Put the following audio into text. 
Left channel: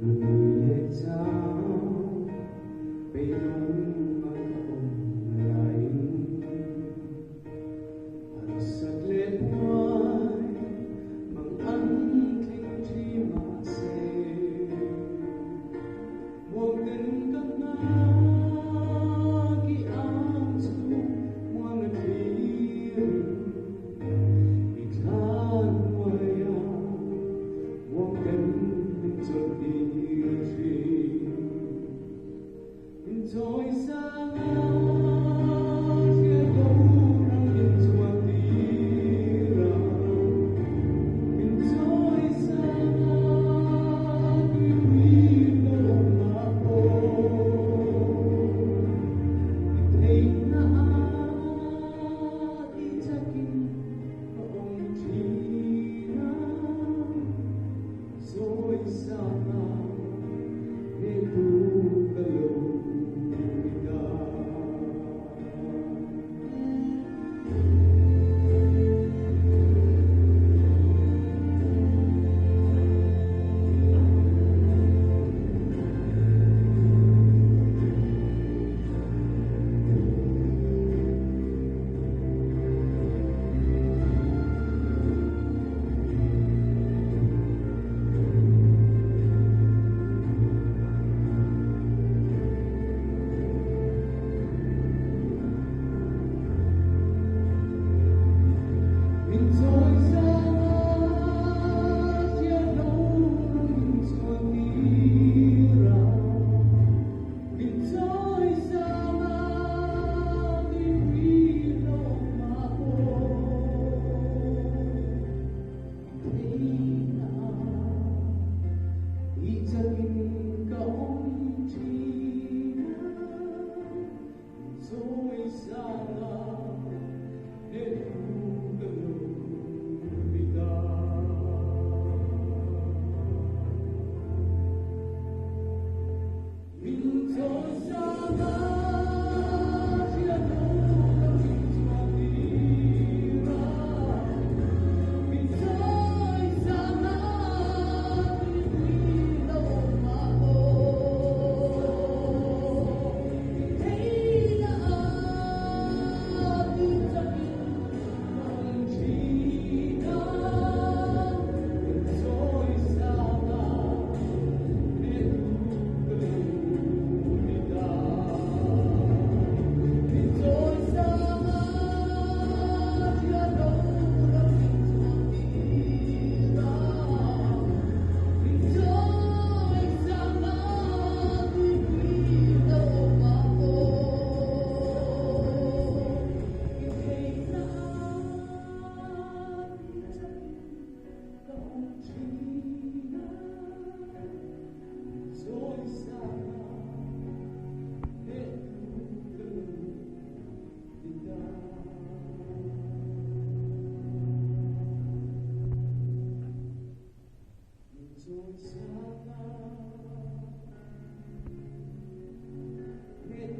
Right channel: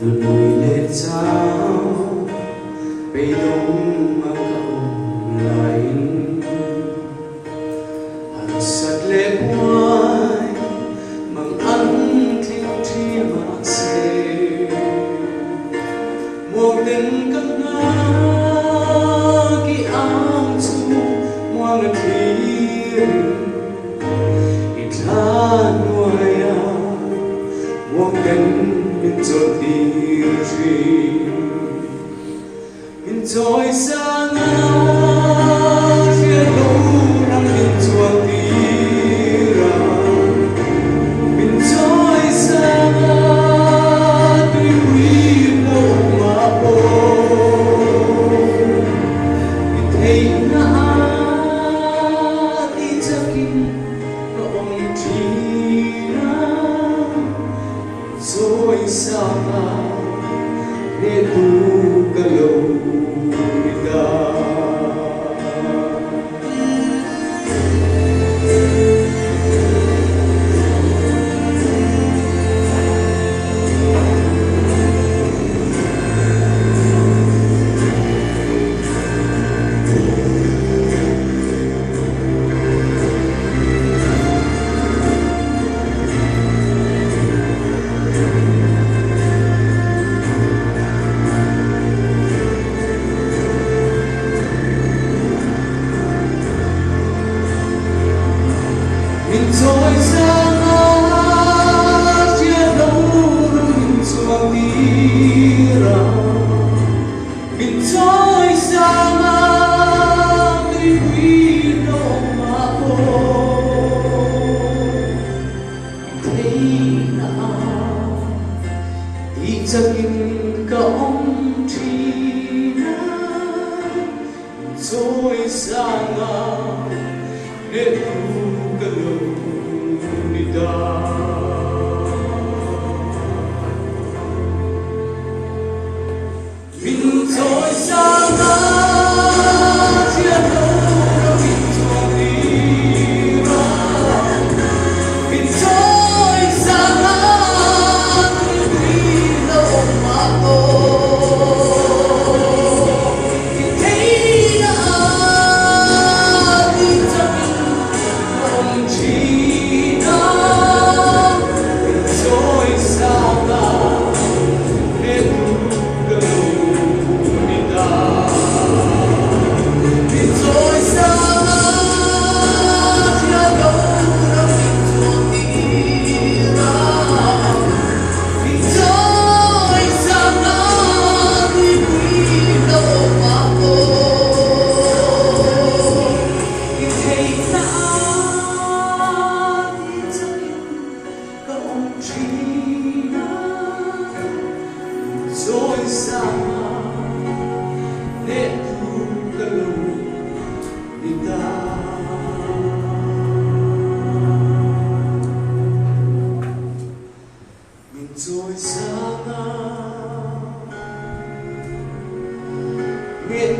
từ núi lên sao bay đông mà cầu lại hàng sắt lệ quay mang ăn thiên tri mà xe một tình cất ngã khi áo chu mang ngân thiên ít la nuôi một tình mình cho đi mình trôi xa ngao chia lâu năm mình cho đi ra mình trôi xa ngao tuy quý lâu mà ô mình thấy ngã đi cho kinh nó ôm chi ra rồi xa ngao để tu cái lâu mình trôi xa ngã chia lâu năm mình chuông đi ra mình trôi xa ngã tuy quý lâu mà ô thấy là đi cho kinh cả ông chi trôi xa ngã để cái lâu đi ta mình trôi xa ngã chia lâu năm mình chuông đi ra mình trôi xa ngã tuy quý lâu mà ô mình thấy đã đi cho mình chỉ đã mình trôi xa ngã để cái lâu đi ta mình trôi xa ngã chia lâu năm mình chuông đi ra mình trôi xa ngã tuy quý lâu mà ô mình thấy đã đi cho mình có ông chỉ đã rồi xa để thu cái lâu đi ta mình trôi xa biết